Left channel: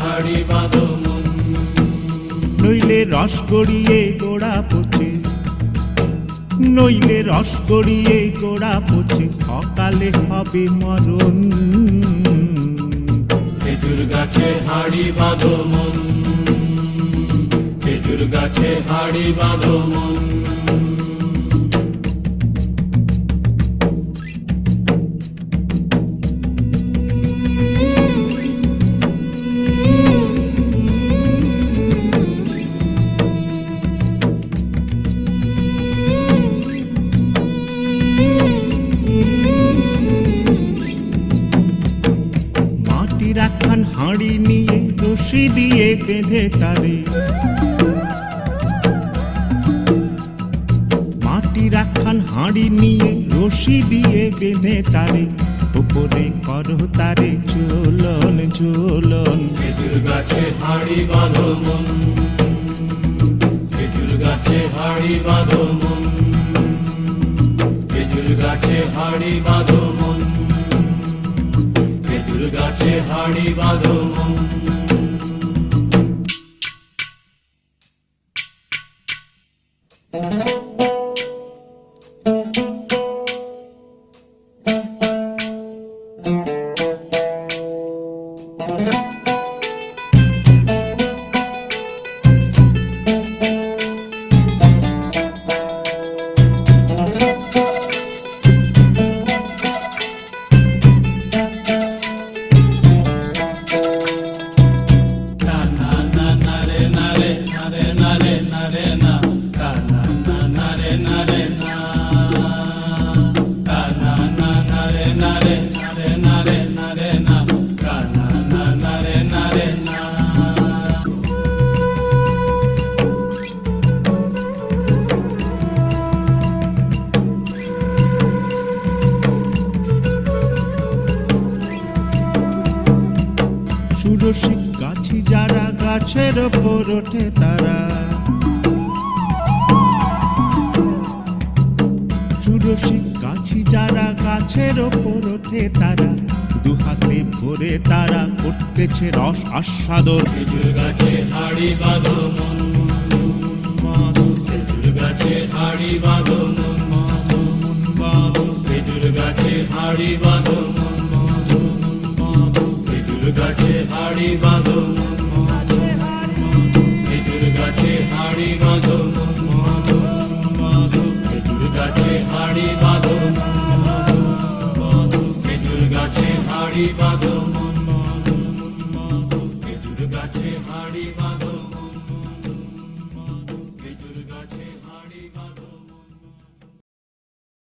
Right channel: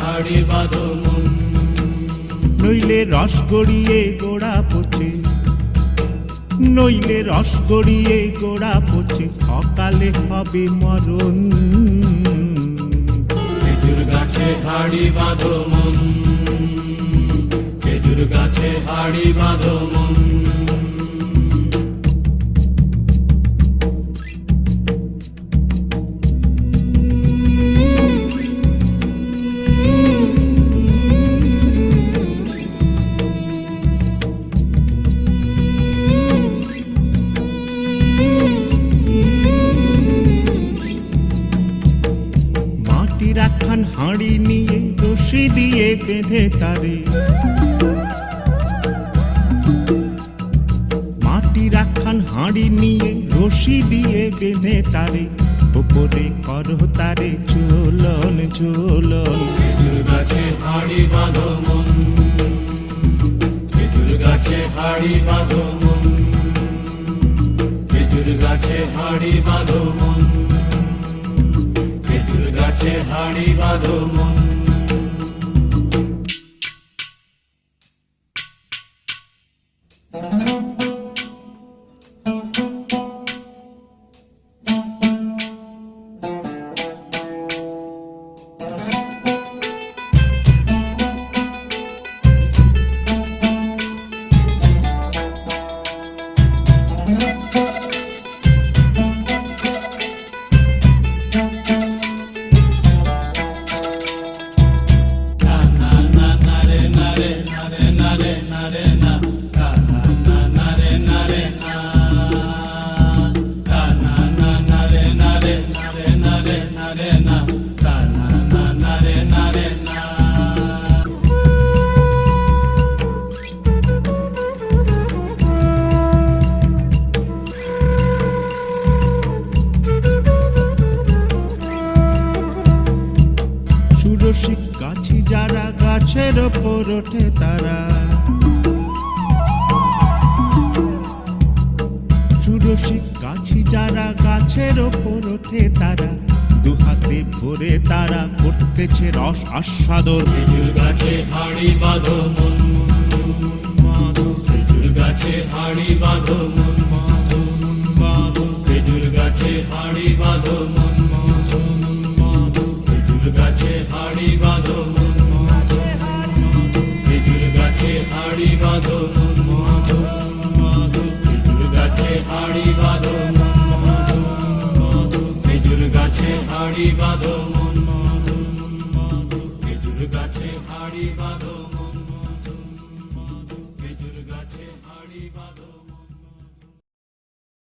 হাড়ি বাঁধো মন। নইলে রস গড়িয়ে গোড়া পচে, নইলে রস গড়িয়ে গোড়া পচে, অকালে হবে মরণ। খেজুর গাছে হাড়ি বাঁধো মন, খেজুর গাছে হাড়ি বাঁধো মন। মাটির একখান হাঁড়ি নিয়ে রশি দিয়ে বেঁধে তারে, মাটির একখান হাঁড়ি নিয়ে রশি দিয়ে বেঁধে তারে, উপরে করো তারে ঝোলন ঝোলন। খেজুর গাছে হাড়ি বাঁধো মন, খেজুর গাছে হাড়ি বাঁধো মন, খেজুর গাছে হাড়ি বাঁধো মন, খেজুর গাছে হাড়ি বাঁধো মন। সুরসিক গাছি যারা গাছের ওপর ওঠে তারা, সুরসিক গাছি যারা গাছের ওপর ওঠে তারা, দুহাতে ভরে তারা করতেছে রস আস্বাদন। খেজুর গাছে হাড়ি বাঁধো মন, বাঁধো খেজুর গাছে হাড়ি বাঁধো মন, বাঁধো মন বাঁধো, খেজুর গাছে হাড়ি বাঁধো মন, বাঁধো মন বাঁধো, খেজুর গাছে হাড়ি বাঁধো মন, খেজুর গাছে হাড়ি বাঁধো মন, বাঁধো মন বাঁধো, খেজুর গাছে হাড়ি বাঁধো মন, বাঁধো খেজুর গাছে হাড়ি বাঁধো মন, বাঁধো মন বাঁধো, খেজুর গাছে হাড়ি বাঁধো মন, খেজুর গাছে হাড়ি বাঁধো।